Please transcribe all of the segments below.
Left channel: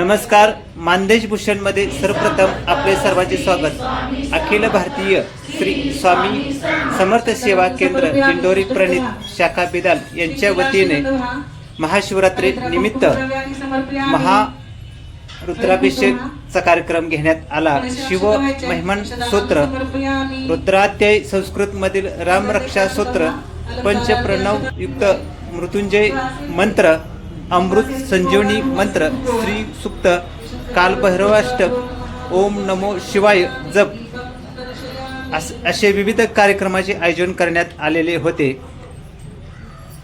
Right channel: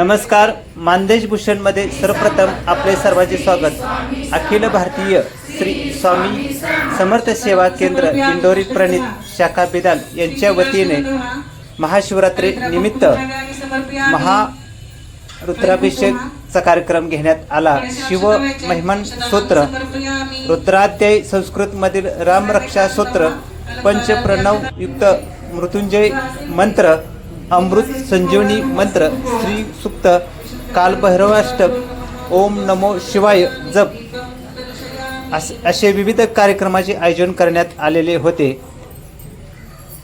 नमस्कार मानदेश भूषणमध्ये सर्वप्रथम आपले सर्वांचे स्वागत. अखिल भारतीय श्री स्वामी समर्थ सेवा केंद्र दिंडोरी प्रणित शाखा बिदाल यांच्या वतीने महाशिवरात्री निमित्त महा रुद्राभिषेकचा कार्यक्रम घेण्यात आला. शिव महिमन स्तोत्र रुद्राध्याय संस्कृत मधील रामरक्षा स्तोत्र पंचप्रणव युक्त मृत्युंजय मंत्र अमृत संजीवनी मंत्र श्री सुक्त कालभैरवाष्टक ओम नमो शिवाय जप. अस- विविध कार्यक्रमाचे आयोजन करण्यात आलेले होते.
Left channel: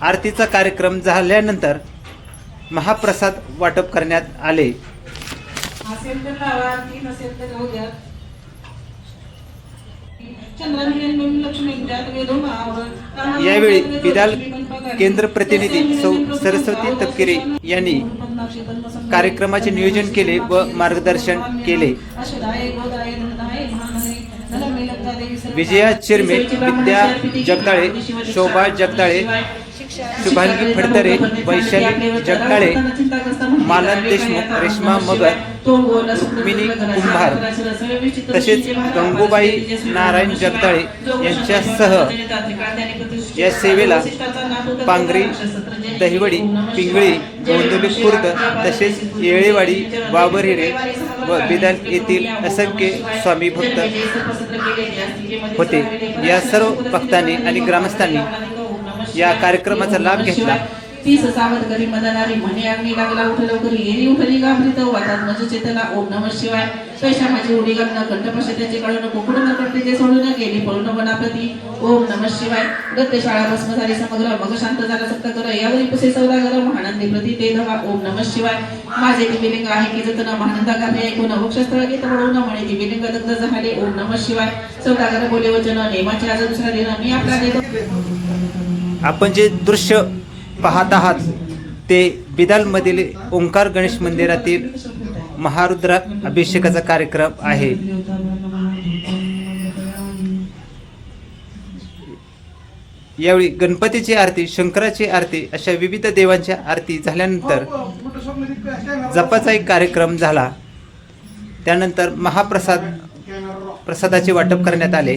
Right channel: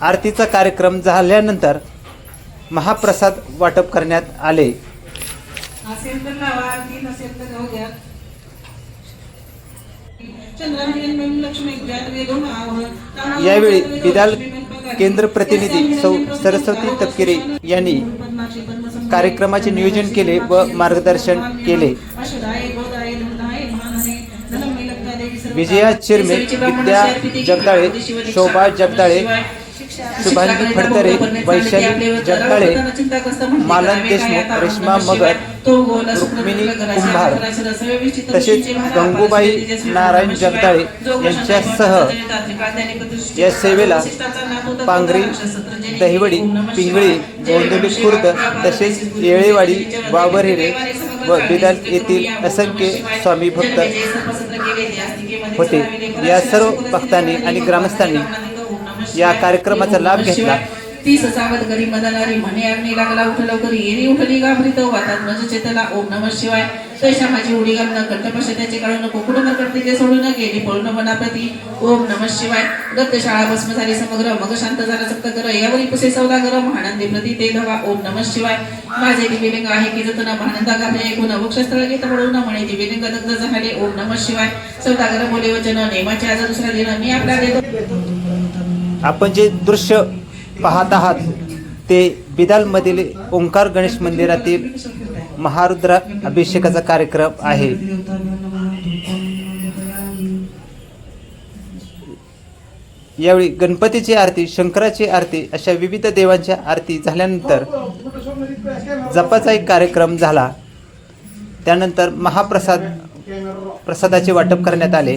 आरतीचा कार्यक्रम झाल्यानंतर महाप्रसाद वाटप करण्यात आले. यावेळी बिदाल केंद्र प्रतिनिधी सौ सरस्वती तपकिरे यांनी कार्यक्रमाचे नियोजन केले व मार्गदर्शन केले. विजया चिरमे विद्या जगदाळे शोभा जगदाळे शुभांगी फडतरे वैशाली जगदाळे मालन देशमुख रेश्मा मगर रुक्मिणी कुंभार तसेच गंगूबाई नारायण जगदाळे यांच्यासह या सेवेला पांगरी दहिवडी पिंगळी गोंदवली खुर्द तसेच येळेवाडी बाबरहिरे व बिदाल येथील असंख्य स्वामी भक्त. होते. या सर्व भक्तांनी आणि ग्रामस्थांनी या कार्यक्रमाचा लाभ घेतला. तीस सावध घरी मदनारी म्हणे अग्नी लागला उठ घरी येरी उठली घाबरीत वातात म्हणजे चेतला ओम नम शिवाय. कैशा माझी उडी घालणं कंठपश त्याचे काढून कोकडं मरकट ते सोडून गेली पळून वनाप्रती ओम नम शिवाय. दत्त शाळा भस्म झाली समग्र मग शांत झाला सप्त कर यावरी पुसे सौदागर महानंदी प्रती ते धवा ओम नम शिवाय. माझे दिव्यलिंग आहे की जतन महानंदा गाभे ऐकून वक्षस्त्र गीत पडवून म्हणे दिव्यलिंग दग्ध झाले ओम नम शिवाय. सौदागर बोले वचन नेमाचे आज दुसरा दिन मी आपला देतो. आपण जे दृश्य पाहत आहात ते बिदालमधील ओंकार गणेश मंदिरातील महारुद्रा अभिषेकाचा कार्यक्रम आहे. यावेळी गणपतीची आरती शंकराची आरती अशा विविध देवांच्या आरती झाल्यानंतर जपाचा एक कार्यक्रम झाला. त्यानंतर महाप्रसाद प्रसादाचे वाटप करण्यात आले.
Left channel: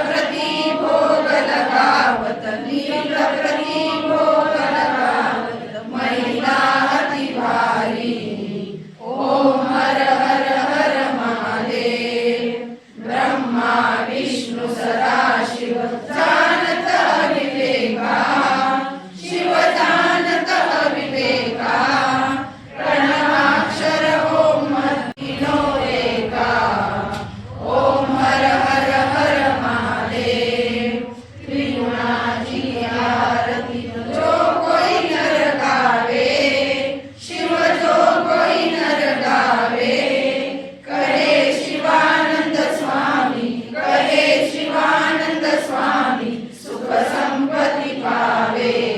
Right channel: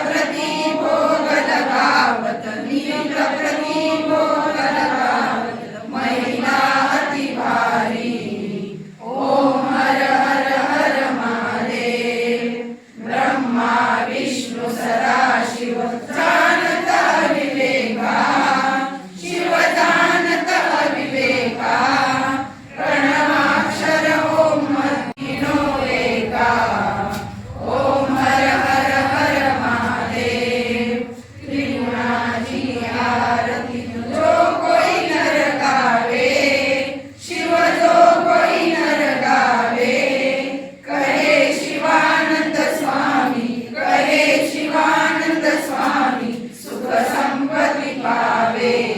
para ti. de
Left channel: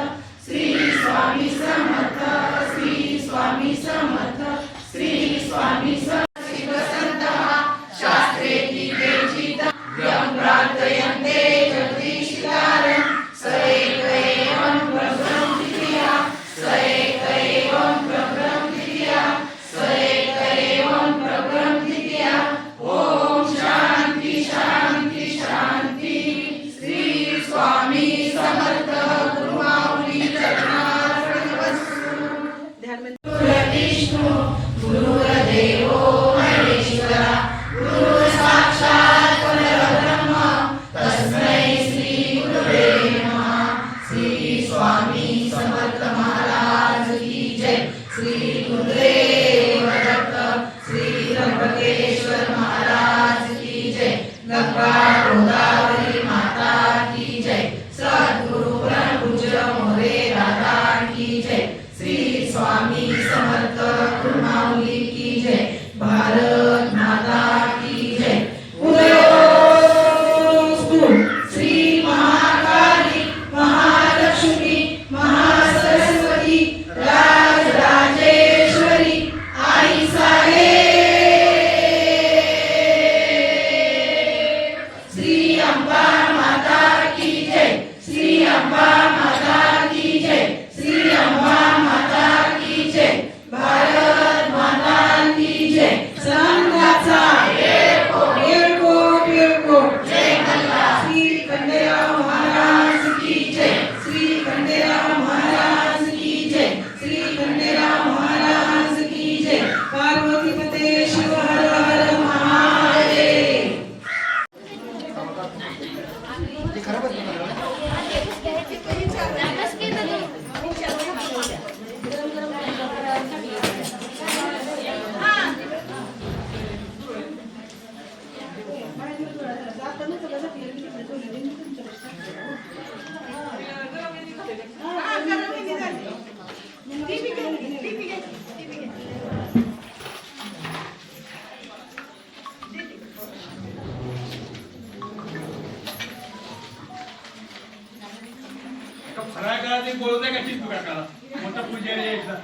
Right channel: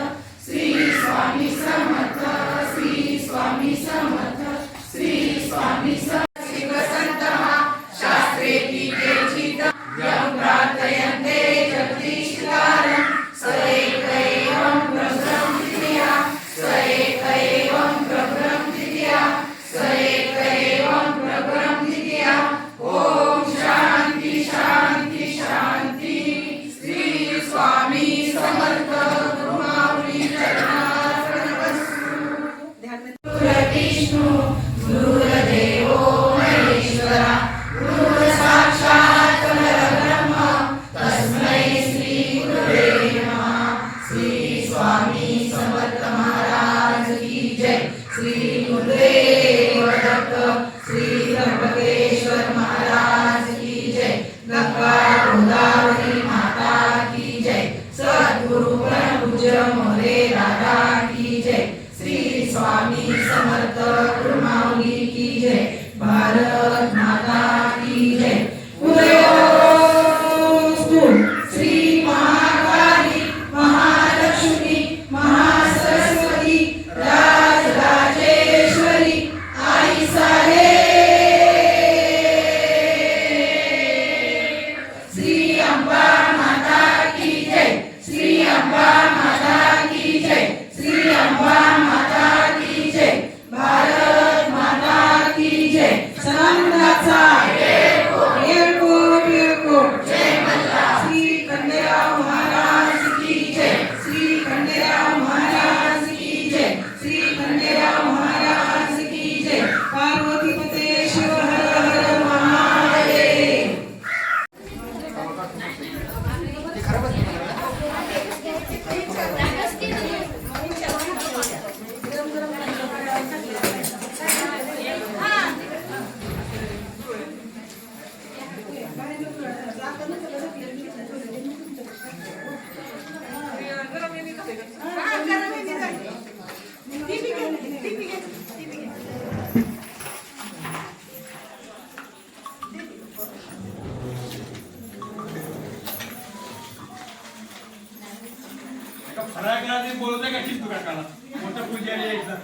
फराळाला ते बोलवताय का शिस्त काकाला मोठा पुजारी यायचा